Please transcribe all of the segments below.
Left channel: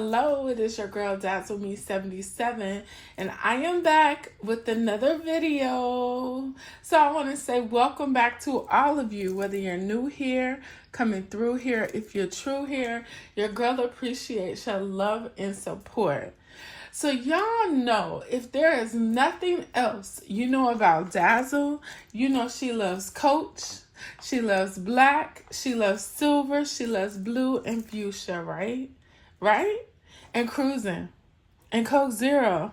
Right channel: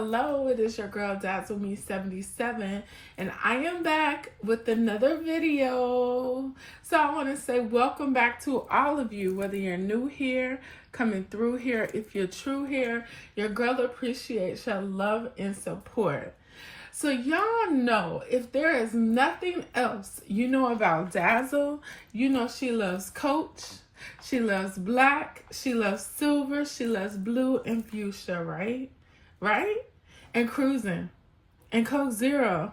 hello, it is your girl Dazzle Me 77, and I am back with another video. So I want to say welcome back to all of you, whether you're new here, coming through here, if you're true here. Your girl appreciates your love and support. So y'all know, if there is nothing else you know about Dazzle, you know she loves Coach, she loves black, she loves silver, she loves blue and fuchsia, right? Right? And cruising. And Coke Zero.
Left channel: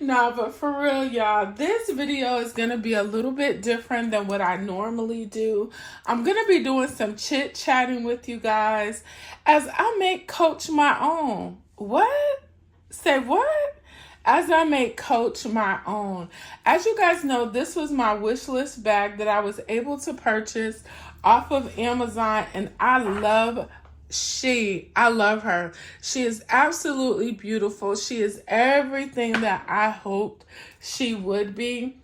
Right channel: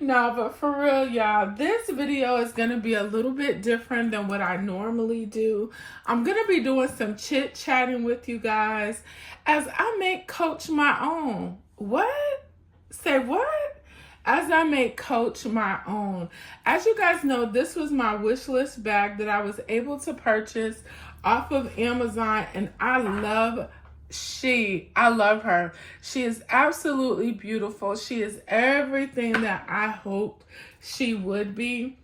No, but for real, y'all, this video is going to be a little bit different than what I normally do. I'm going to be doing some chit-chatting with you guys as I make Coach my own. What? Say what? As I make Coach my own. As you guys know, this was my wish list bag that I was able to purchase off of Amazon, and I love her. She is absolutely beautiful. She is everything that I hoped she would be.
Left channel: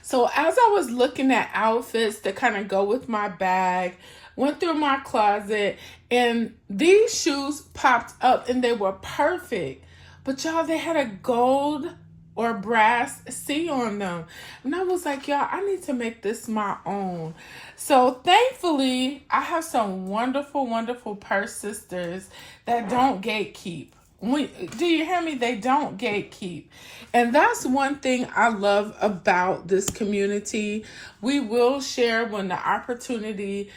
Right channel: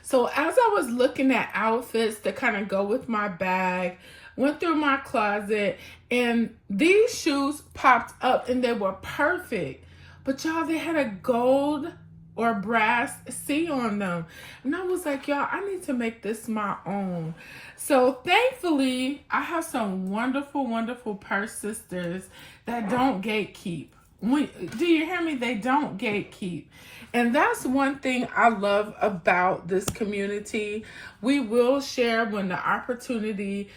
So as I was looking at outfits that kind of go with my bag, went through my closet, and these shoes popped up and they were perfect. But y'all, they had a gold or brass C on them. And I was like, y'all, I need to make this my own. So thankfully, I have some wonderful, wonderful purse sisters that don't gatekeep. Do you hear me? They don't gatekeep. And that's one thing I love about this community. We will share when the opportunity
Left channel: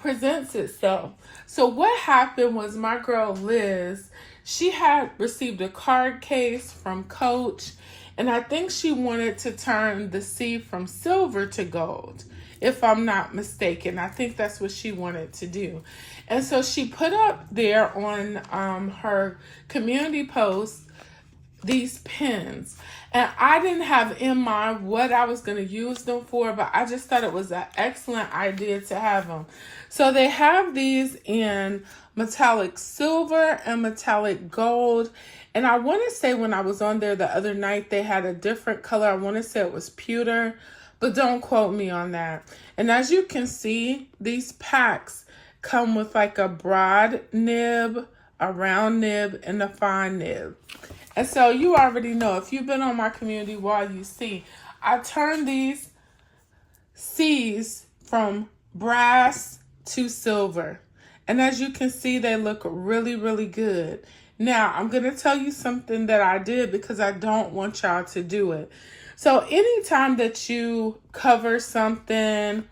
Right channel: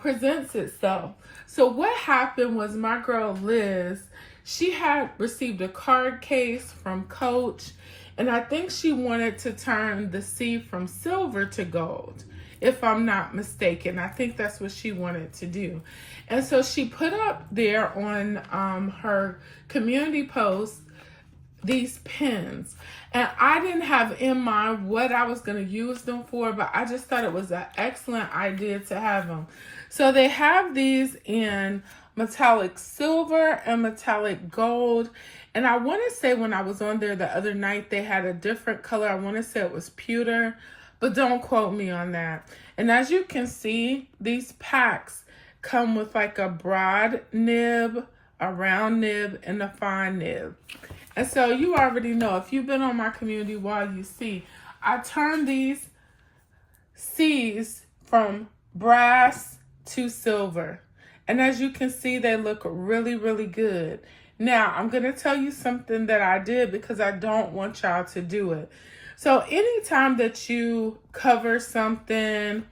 presents itself. So what happened was my girl Liz, she had received a card case from Coach, and I think she wanted to turn the C from silver to gold, if I'm not mistaken. I think that's what she wanted to do. And so she put up there on her community post these pins. And I didn't have in mind what I was going to use them for, but I just thought it was an excellent idea to have them. So they have these in metallic silver and metallic gold. And I want to say when I was on there the other night, they had a different color. I want to say it was pewter, but don't quote me on that. And as you can see, these packs come with like a broad nib, a round nib, and a fine nib. And so you already know, if you've been on my community wall, you see, I turned these C's from brass to silver. And as you can see, they look really, really good. Now, I'm going to tell you something that I did because I don't want y'all to do it. So anytime that you cover something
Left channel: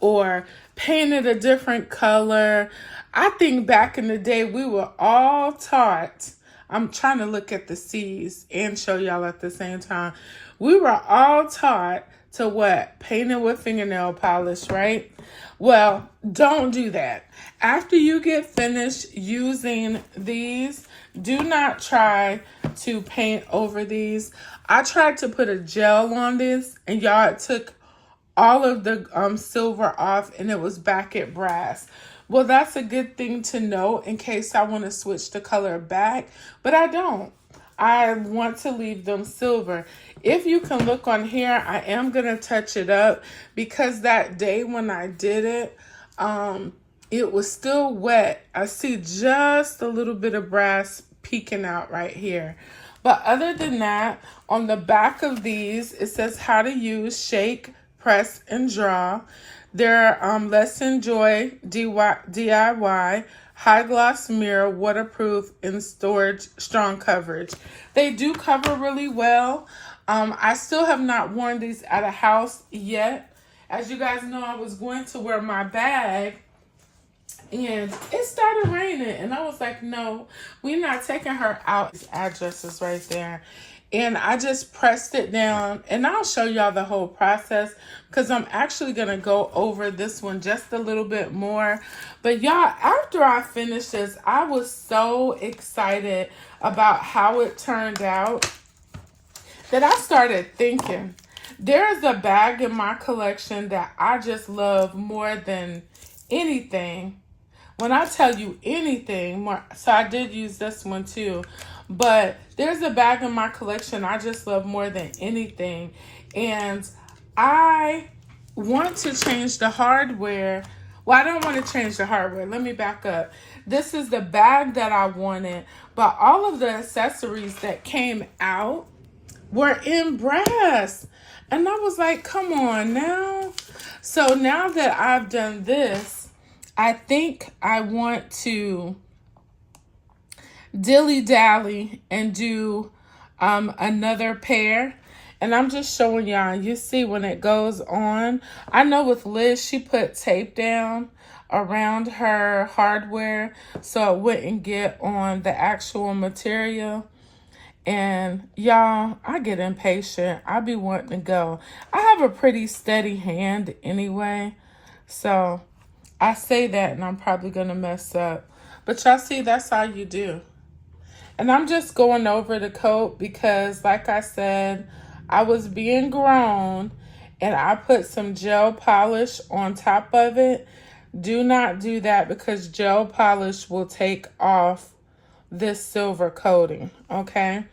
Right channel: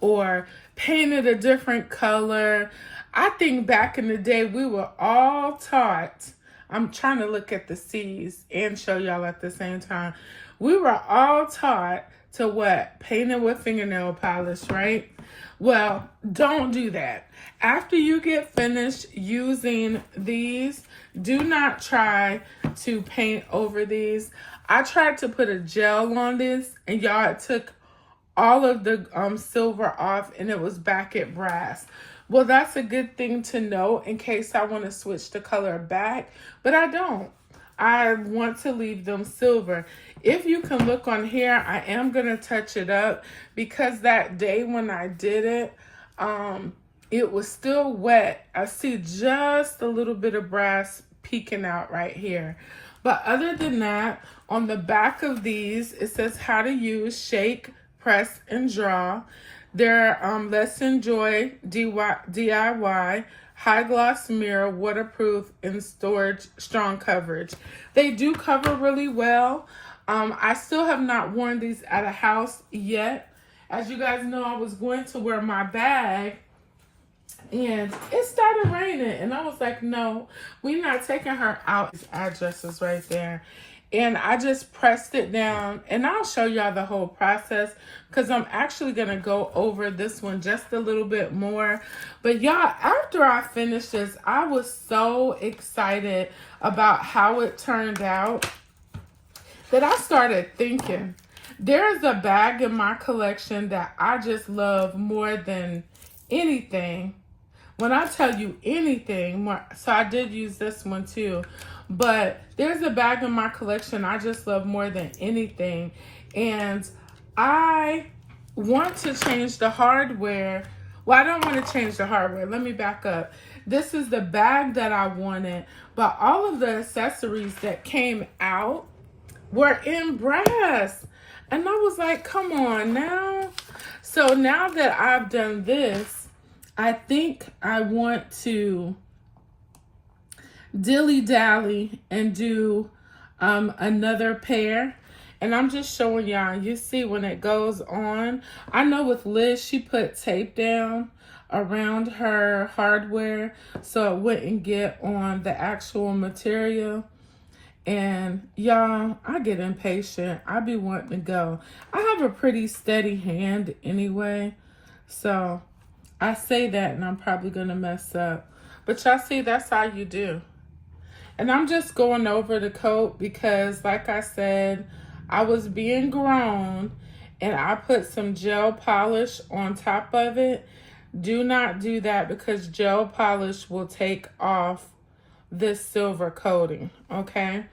or paint it a different color, I think back in the day we were all taught, I'm trying to look at the C's and show y'all at the same time. We were all taught to what? Paint it with fingernail polish, right? Well, don't do that. After you get finished using these, do not try to paint over these. I tried to put a gel on this, and y'all, it took all of the silver off, and it was back at brass. Well, that's a good thing to know in case I want to switch the color back, but I don't. I want to leave them silver. If you can look on here, I am going to touch it up because that day when I did it, it was still wet. I see just a little bit of brass peeking out right here. But other than that, on the back of these, it says how to use, shake, press, and draw. They're Let's Enjoy DIY, high gloss mirror, waterproof, and storage, strong coverage. They do cover really well. I still have not worn these at a house yet. As you guys know, I was going to wear my bag and it started raining, and I was like, no, we're not taking her out. This address is right there. And I just pressed it down, and I'll show y'all the whole process because I'm actually going to go over this one just a little bit more. But y'all, after I finished this, I was so excited about how it turned out that I started thinking, there's a bag in my collection that I just love more than anything. When I tell you anything, so I did use this one too, but there's a bag in my collection I just love more than anything. And I want to change the hardware Well, I don't want to change the hardware. Let me back up. This is the bag that I wanted, but all of the accessories that came out were in brass. And I was like, come on now. So now that I've done this, I think I want to dilly-dally and do another pair. And I'm just showing y'all, you see when it goes on. I know with Liz, she put tape down around her hardware so it wouldn't get on the actual material. And y'all, I get impatient. I be wanting to go. I have a pretty steady hand anyway. So I say that and I'm probably going to mess up. But y'all see, that's all you do. And I'm just going over the coat because, like I said, I was being grown and I put some gel polish on top of it. Do not do that because gel polish will take off this silver coating, okay?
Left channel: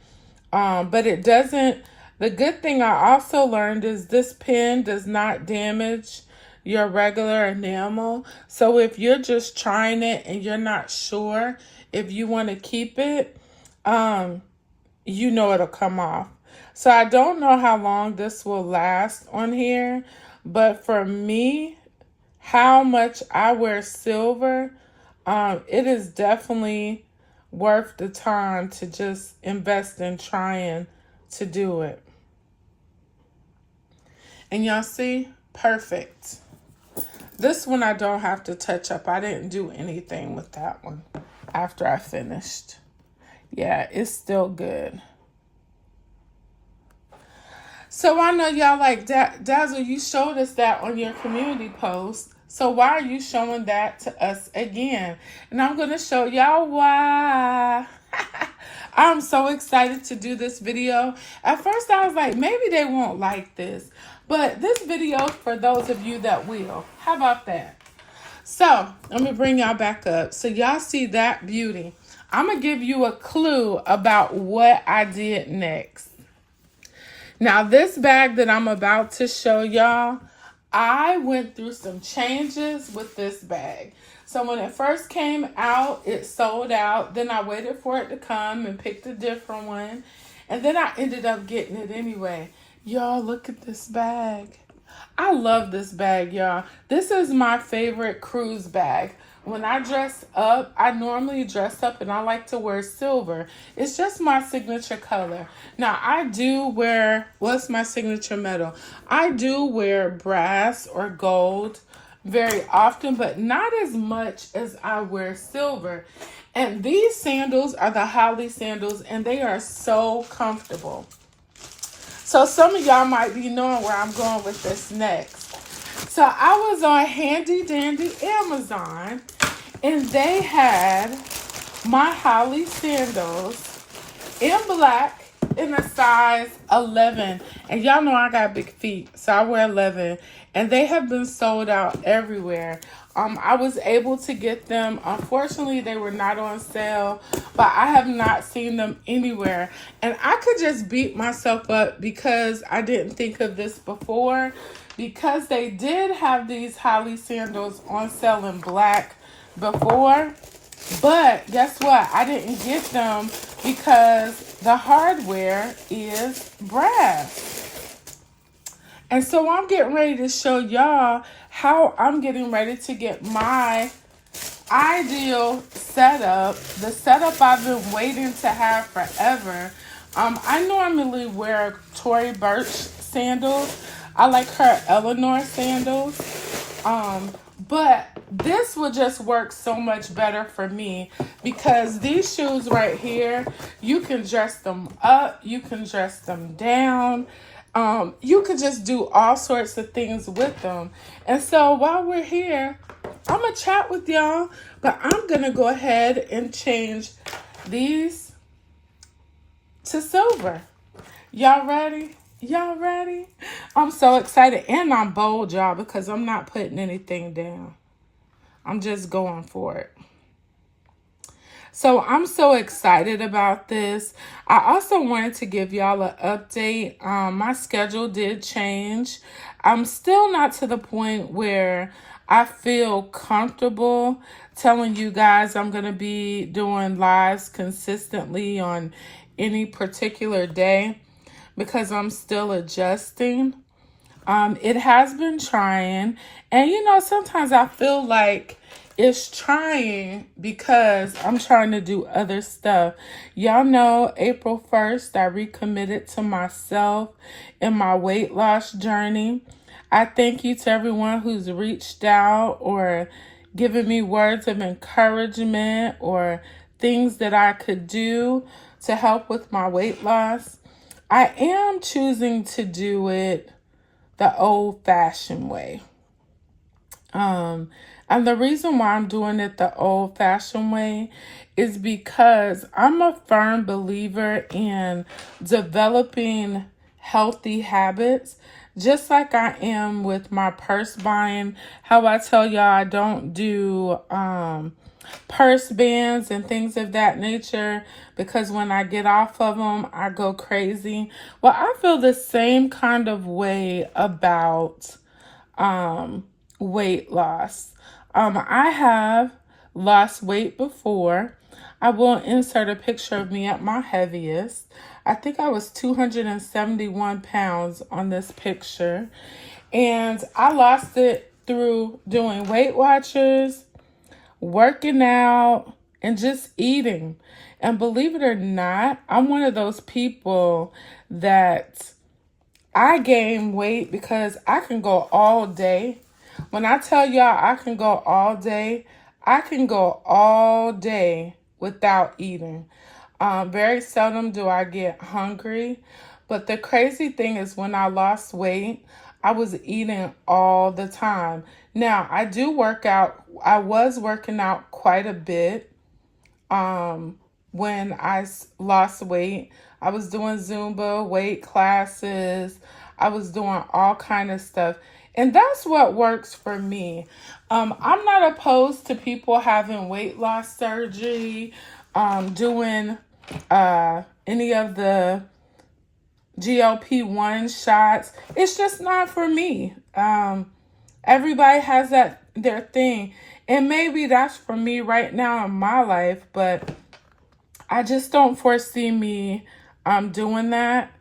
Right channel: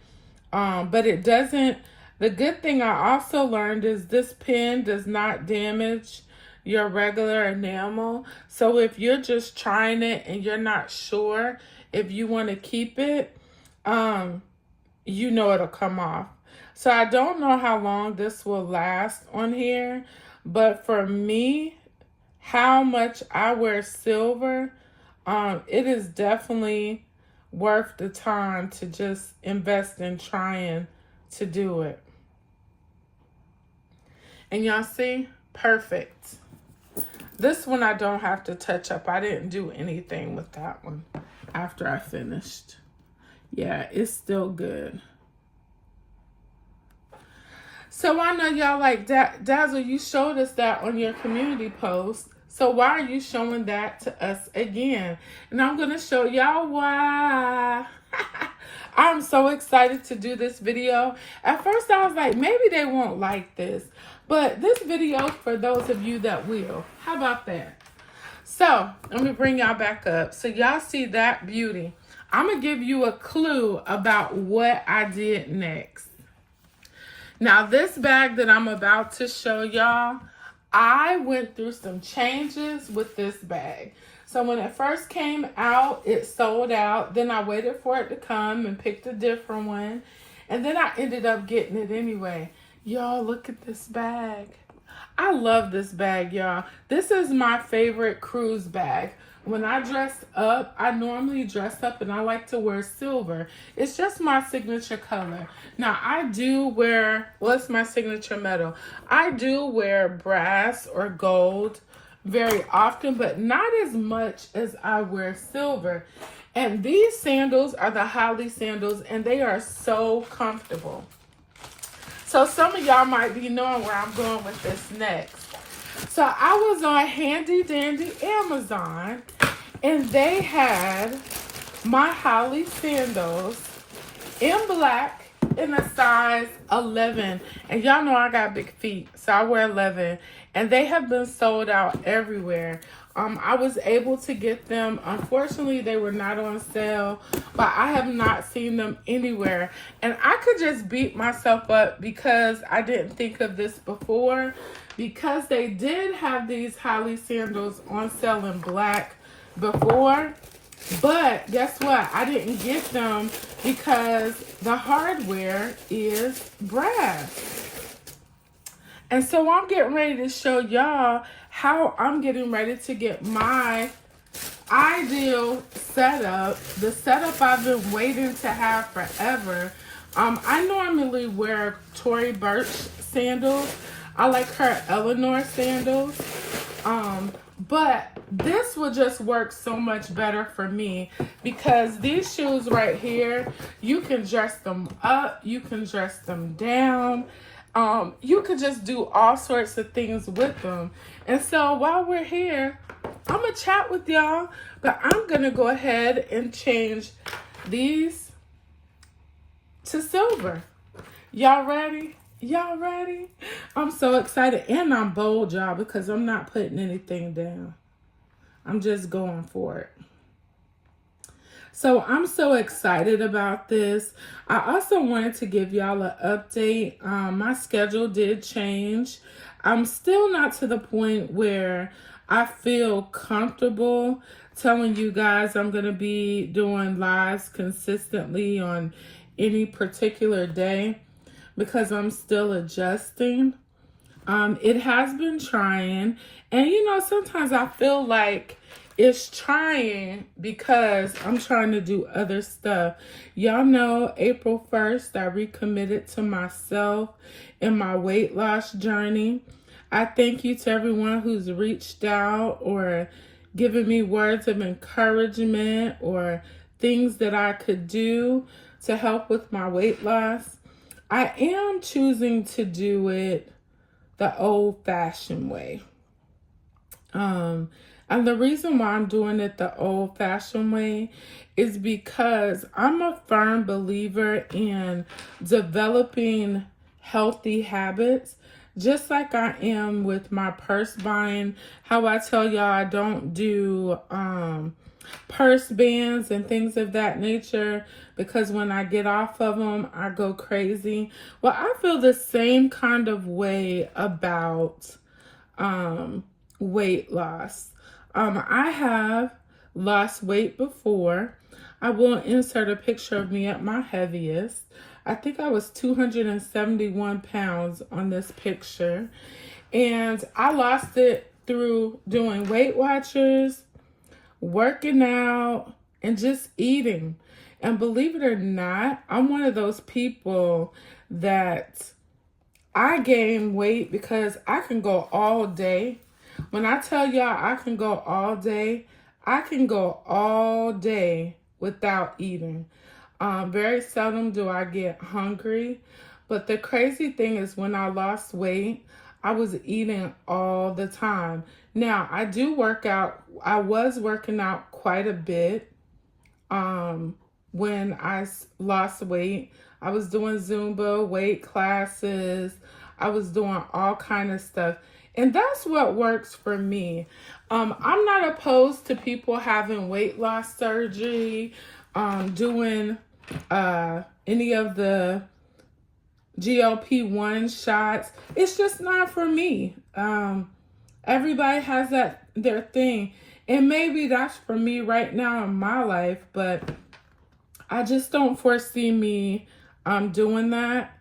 But it doesn't, the good thing I also learned is this pen does not damage your regular enamel. So if you're just trying it and you're not sure if you want to keep it, you know it'll come off. So I don't know how long this will last on here, but for me, how much I wear silver, it is definitely worth the time to just invest in trying to do it. And y'all see, perfect. This one I don't have to touch up. I didn't do anything with that one after I finished. Yeah, it's still good. So I know y'all like Dazzle, you showed us that on your community post. So why are you showing that to us again? And I'm going to show y'all why. I'm so excited to do this video. At first I was like, maybe they won't like this. But this video for those of you that will. How about that? So let me bring y'all back up. So y'all see that beauty. I'm going to give you a clue about what I did next. Now this bag that I'm about to show y'all, I went through some changes with this bag. So when it first came out, it sold out. Then I waited for it to come and picked a different one. And then I ended up getting it anyway. Y'all, look at this bag. I love this bag, y'all. This is my favorite cruise bag. When I dress up, I normally dress up and I like to wear silver. It's just my signature color. Now, I do wear, what's my signature metal? I do wear brass or gold very often, but not as much as I wear silver. And these sandals are the Holly sandals, and they are so comfortable. So some of y'all might be knowing where I'm going with this next. So I was on Handy Dandy Amazon, and they had my Holly sandals in black in a size 11. And y'all know I got big feet, so I wear 11. And they have been sold out everywhere. I was able to get them. Unfortunately, they were not on sale, but I have not seen them anywhere. And I could just beat myself up because I didn't think of this before, because they did have these Holly sandals on sale in black before. But guess what? I didn't get them because the hardware is brass. And so I'm getting ready to show y'all how I'm getting ready to get my ideal setup. The setup I've been waiting to have forever. I normally wear Tory Burch sandals. I like her Eleanor sandals. But this will just work so much better for me because these shoes right here, you can dress them up, you can dress them down. You can just do all sorts of things with them. And so while we're here, I'm going to chat with y'all, but I'm going to go ahead and change these to silver. Y'all ready? Y'all ready? I'm so excited, and I'm bold, y'all, because I'm not putting anything down. I'm just going for it. So I'm so excited about this. I also wanted to give y'all an update. My schedule did change. I'm still not to the point where I feel comfortable telling you guys I'm going to be doing lives consistently on any particular day because I'm still adjusting. It has been trying. And sometimes I feel like it's trying because I'm trying to do other stuff. Y'all know April 1st, I recommitted to myself in my weight loss journey. I thank you to everyone who's reached out or given me words of encouragement or things that I could do to help with my weight loss. I am choosing to do it the old-fashioned way. And the reason why I'm doing it the old-fashioned way is because I'm a firm believer in developing healthy habits, just like I am with my purse buying. How I tell y'all I don't do purse bands and things of that nature because when I get off of them, I go crazy. Well, I feel the same kind of way about weight loss. I have lost weight before. I will insert a picture of me at my heaviest. I think I was 271 pounds on this picture. And I lost it through doing Weight Watchers, working out, and just eating. And believe it or not, I'm one of those people that I gain weight because I can go all day. When I tell y'all I can go all day, I can go all day without eating. Very seldom do I get hungry. But the crazy thing is when I lost weight, I was eating all the time. Now, I do work out. I was working out quite a bit when I lost weight. I was doing Zumba, weight classes. I was doing all kind of stuff. And that's what works for me. I'm not opposed to people having weight loss surgery, doing any of the GLP-1 shots. It's just not for me. Everybody has their thing. And maybe that's for me right now in my life, but I just don't foresee me doing that.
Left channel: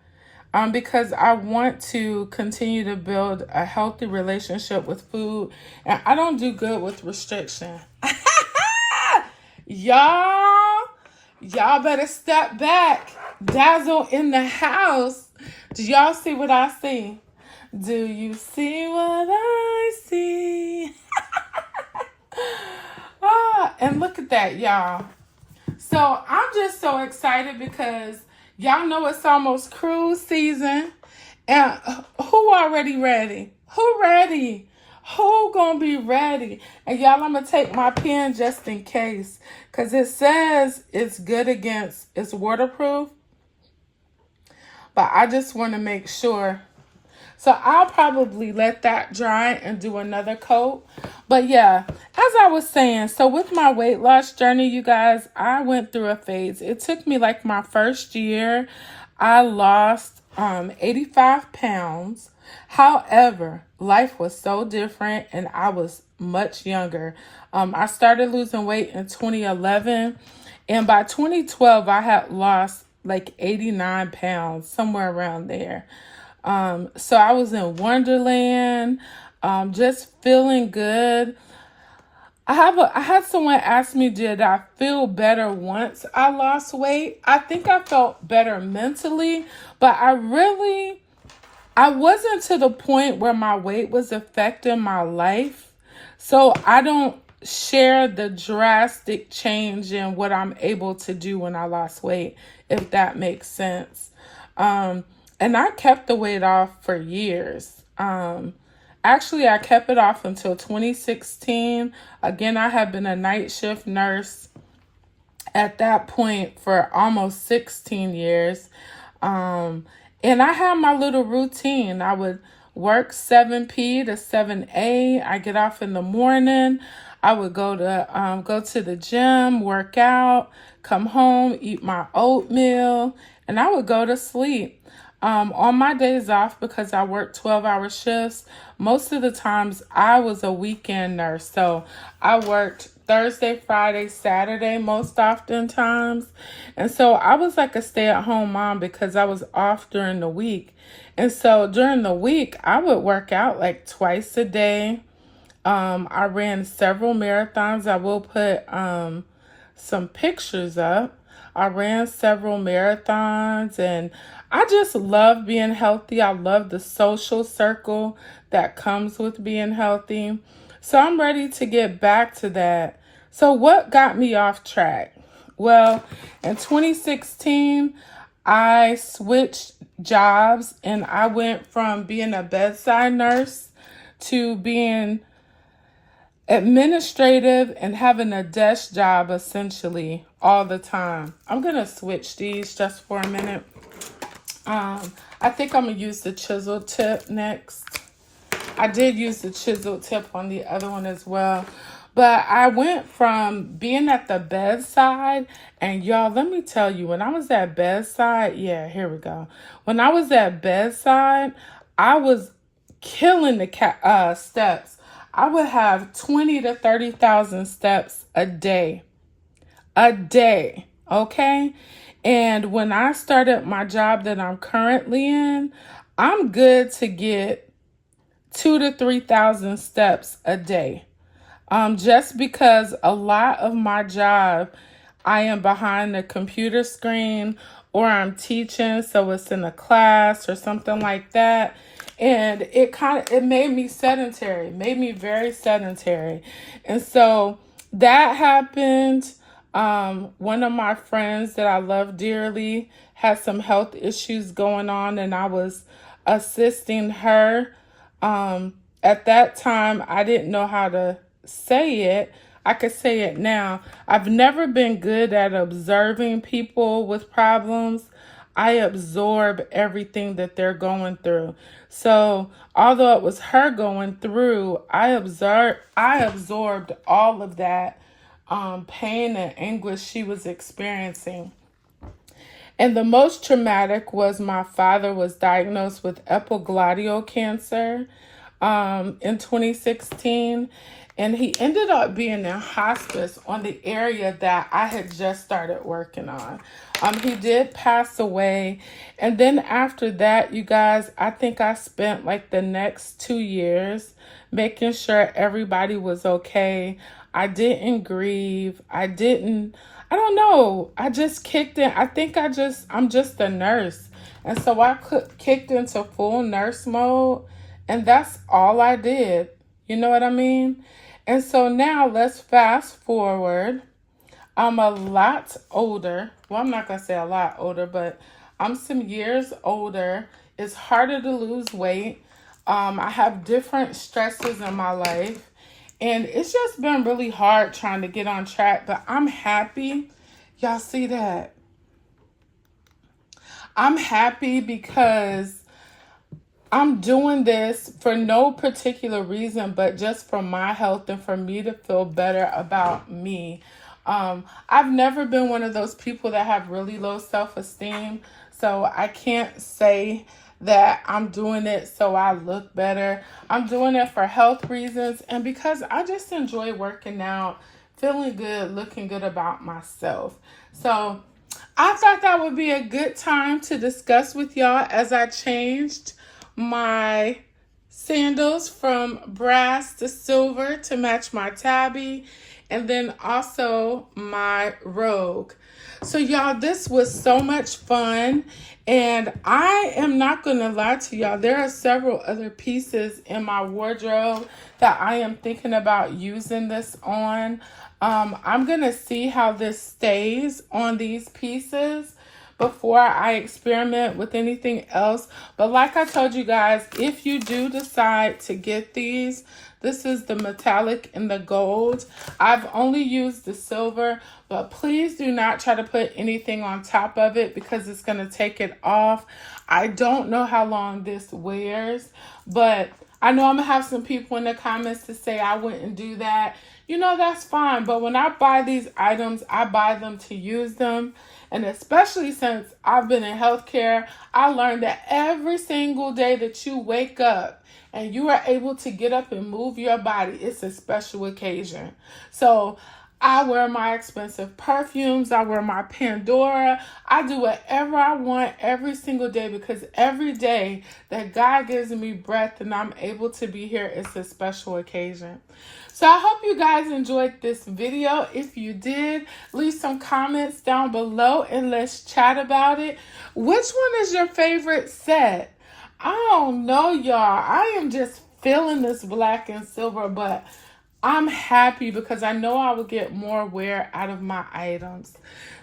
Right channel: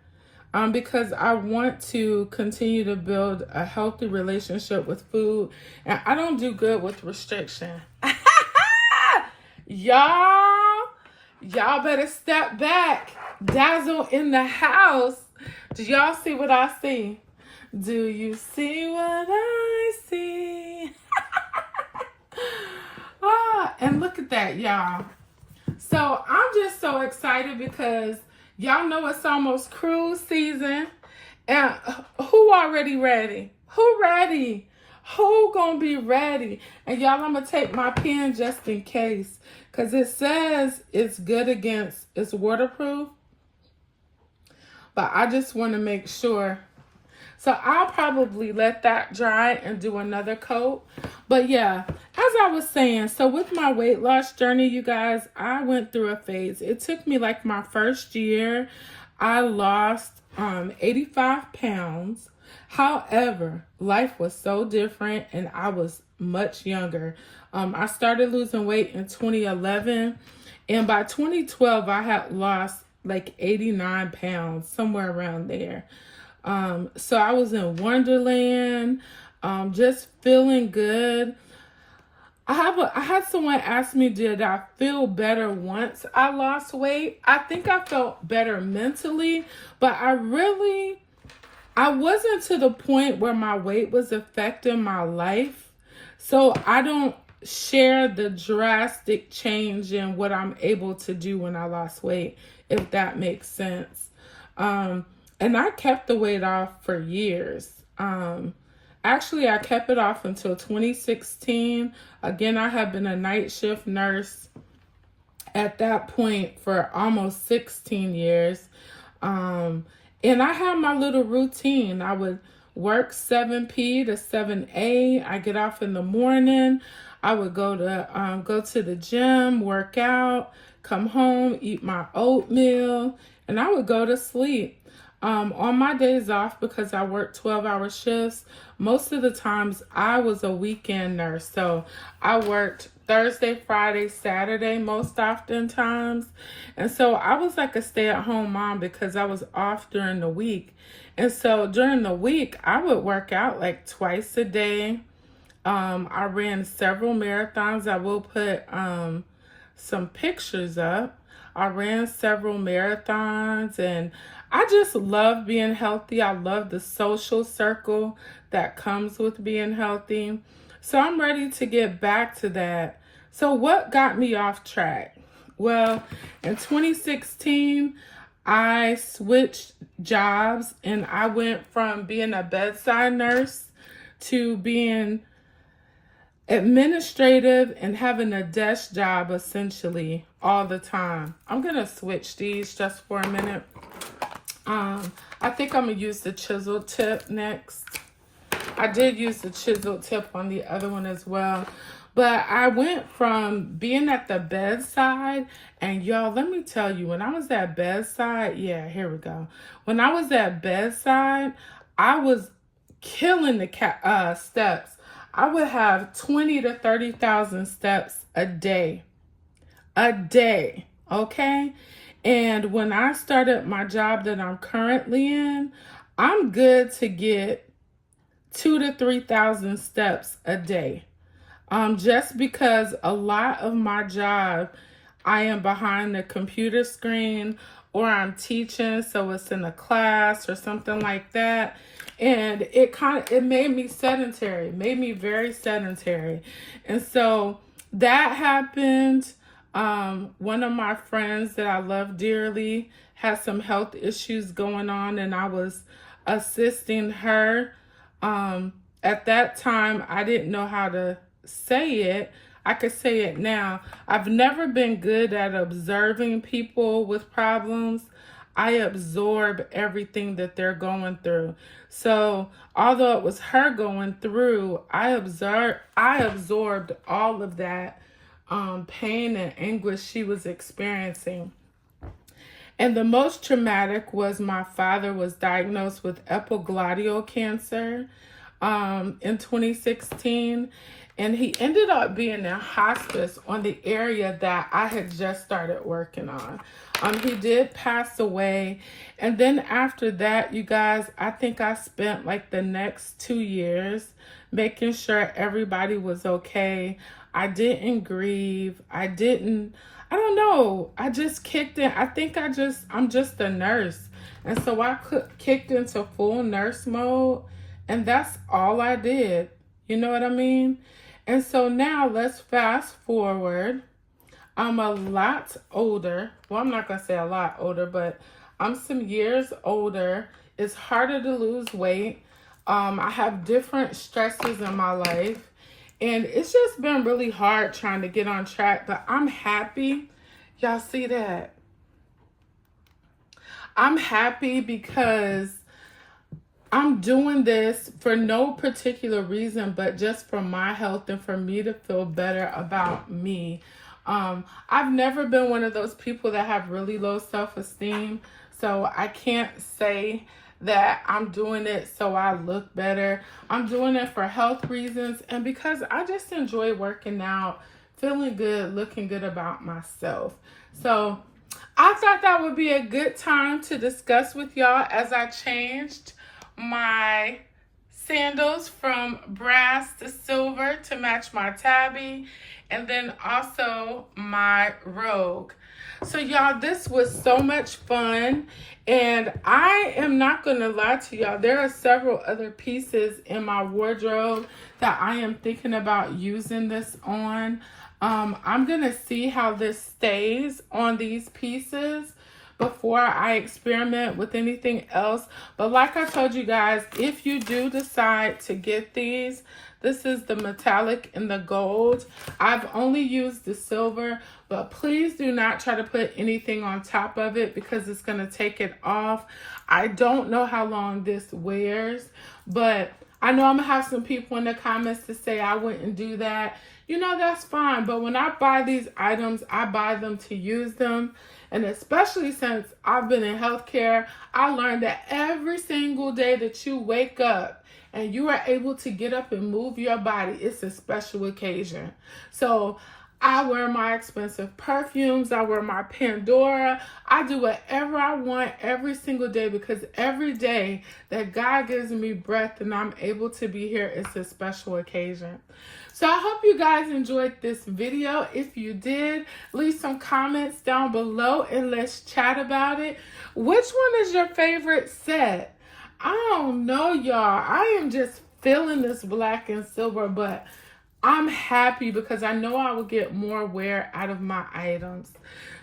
Because I want to continue to build a healthy relationship with food. And I don't do good with restriction. Y'all better step back. Dazzle in the house. Do y'all see what I see? Do you see what I see? And look at that, y'all. So I'm just so excited because y'all know it's almost cruise season. And who already ready? Who ready? Who gonna be ready? And y'all, I'm gonna take my pen just in case. Because it says it's good against, it's waterproof. But I just want to make sure. So I'll probably let that dry and do another coat. But yeah, as I was saying, so with my weight loss journey, you guys, I went through a phase. It took me like my first year. I lost 85 pounds. However, life was so different and I was much younger. I started losing weight in 2011. And by 2012, I had lost like 89 pounds, somewhere around there. So I was in Wonderland, just feeling good. I had someone ask me, did I feel better once I lost weight? I think I felt better mentally, but I wasn't to the point where my weight was affecting my life. So I don't share the drastic change in what I'm able to do when I lost weight, if that makes sense. And I kept the weight off for years. Actually, I kept it off until 2016. Again, I had been a night shift nurse at that point for almost 16 years. And I had my little routine. I would work 7 p to 7 a. I get off in the morning. I would go to the gym, work out, come home, eat my oatmeal, and I would go to sleep. On my days off, because I work 12-hour shifts, most of the times I was a weekend nurse. So I worked Thursday, Friday, Saturday most often times. And so I was like a stay-at-home mom because I was off during the week. And so during the week, I would work out like twice a day. I ran several marathons. I will put some pictures up. I ran several marathons, and I just love being healthy. I love the social circle that comes with being healthy. So I'm ready to get back to that. So what got me off track? Well, in 2016, I switched jobs and I went from being a bedside nurse to being administrative and having a desk job essentially all the time. I'm going to switch these just for a minute. I think I'm going to use the chisel tip next. I did use the chisel tip on the other one as well. But I went from being at the bedside, and y'all, let me tell you, when I was at bedside, yeah, here we go. When I was at bedside, I was killing the steps. I would have 20 to 30,000 steps a day. Okay? And when I started my job that I'm currently in, I'm good to get 2,000 to 3,000 steps a day. Just because a lot of my job, I am behind the computer screen or I'm teaching, so it's in a class or something like that. And it made me sedentary, made me very sedentary. And so that happened. One of my friends that I love dearly had some health issues going on, and I was assisting her. At that time, I didn't know how to say it. I could say it now. I've never been good at observing people with problems. I absorb everything that they're going through. So although it was her going through, I absorbed all of that pain and anguish she was experiencing. And the most traumatic was my father was diagnosed with epiglottal cancer in 2016. And he ended up being in hospice on the area that I had just started working on. He did pass away. And then after that, you guys, I think I spent like the next 2 years making sure everybody was okay. I didn't grieve. I don't know. I just kicked in. I think I'm just a nurse. And so I kicked into full nurse mode. And that's all I did. You know what I mean? And so now let's fast forward. I'm a lot older. Well, I'm not going to say a lot older, but I'm some years older. It's harder to lose weight. I have different stresses in my life. And it's just been really hard trying to get on track. But I'm happy. Y'all see that? I'm happy because I'm doing this for no particular reason, but just for my health and for me to feel better about me. I've never been one of those people that have really low self-esteem, so I can't say that I'm doing it so I look better. I'm doing it for health reasons and because I just enjoy working out, feeling good, looking good about myself. So I thought that would be a good time to discuss with y'all as I changed my sandals from brass to silver to match my tabby, and then also my rogue. So y'all, this was so much fun, and I am not gonna lie to y'all, there are several other pieces in my wardrobe that I am thinking about using this on. I'm gonna see how this stays on these pieces before I experiment with anything else. But like I told you guys, if you do decide to get these, this is the metallic and the gold. I've only used the silver, but please do not try to put anything on top of it because it's going to take it off. I don't know how long this wears, but I know I'm going to have some people in the comments to say I wouldn't do that. You know, that's fine. But when I buy these items, I buy them to use them. And especially since I've been in healthcare, I learned that every single day that you wake up and you are able to get up and move your body, it's a special occasion. So I wear my expensive perfumes. I wear my Pandora. I do whatever I want every single day, because every day that God gives me breath and I'm able to be here, it's a special occasion. So I hope you guys enjoyed this video. If you did, leave some comments down below and let's chat about it. Which one is your favorite set? I don't know, y'all. I am just feeling this black and silver, but I'm happy because I know I will get more wear out of my items.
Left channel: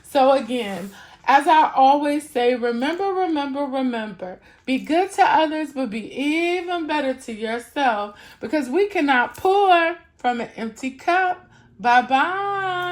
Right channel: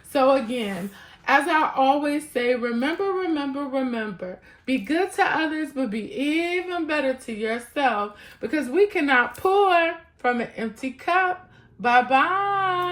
So again, as I always say, remember, be good to others, but be even better to yourself, because we cannot pour from an empty cup. Bye-bye.